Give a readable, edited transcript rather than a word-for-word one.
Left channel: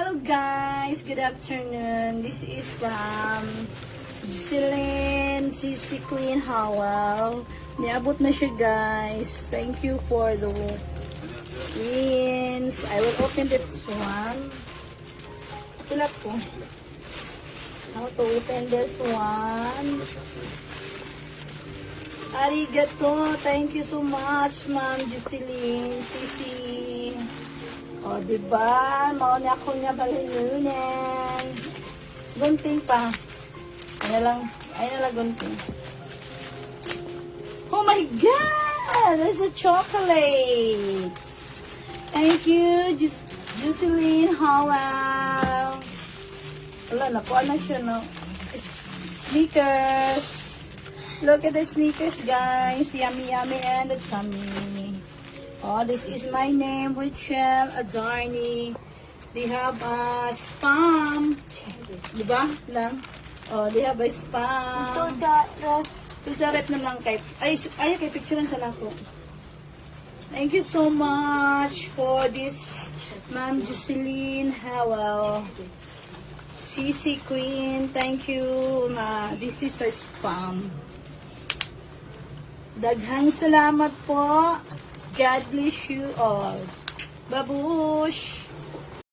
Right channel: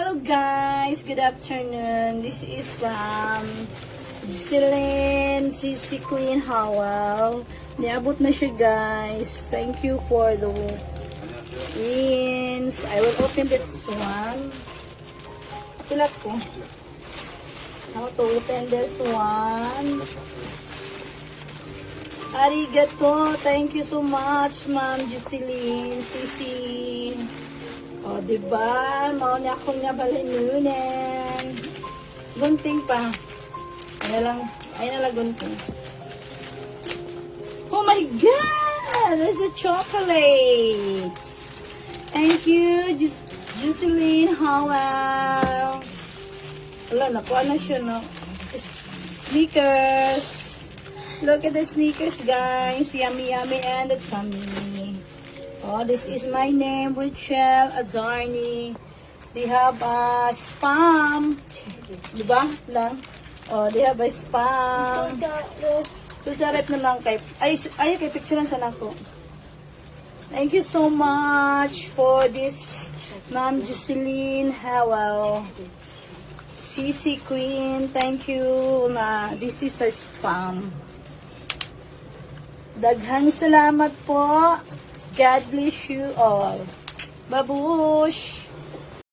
Hello guys, good afternoon. This is from Jocelyn CC Queen Howell. Niabot na siya guys. Thank you for the wins. I will open this one. Tulat ko. How to open this one. Arigato. Thank you so much, Ma'am Jocelyn CC. O, diba? Mauna ako nga balinunan. Gunting pa. Ay nalang gunting. Oh my God! There's a chocolate! Thank you, Jocelyn Howell. Wala, nakuha na siya, no? Sneakers. Look at the sneakers, guys. Yummy, yummy, and it's yummy. Oh, this is my name, Rachel Adarni. They have a spam. Diba? Lang. Oh, they have a spam. Pisarap naman kay... Ay, kay picture sa nako. Thank you so much for this, Ma'am Jocelyn Howell. CC Queen, thank you. This is a spam. Daghang salamat po. God bless you all. Babush!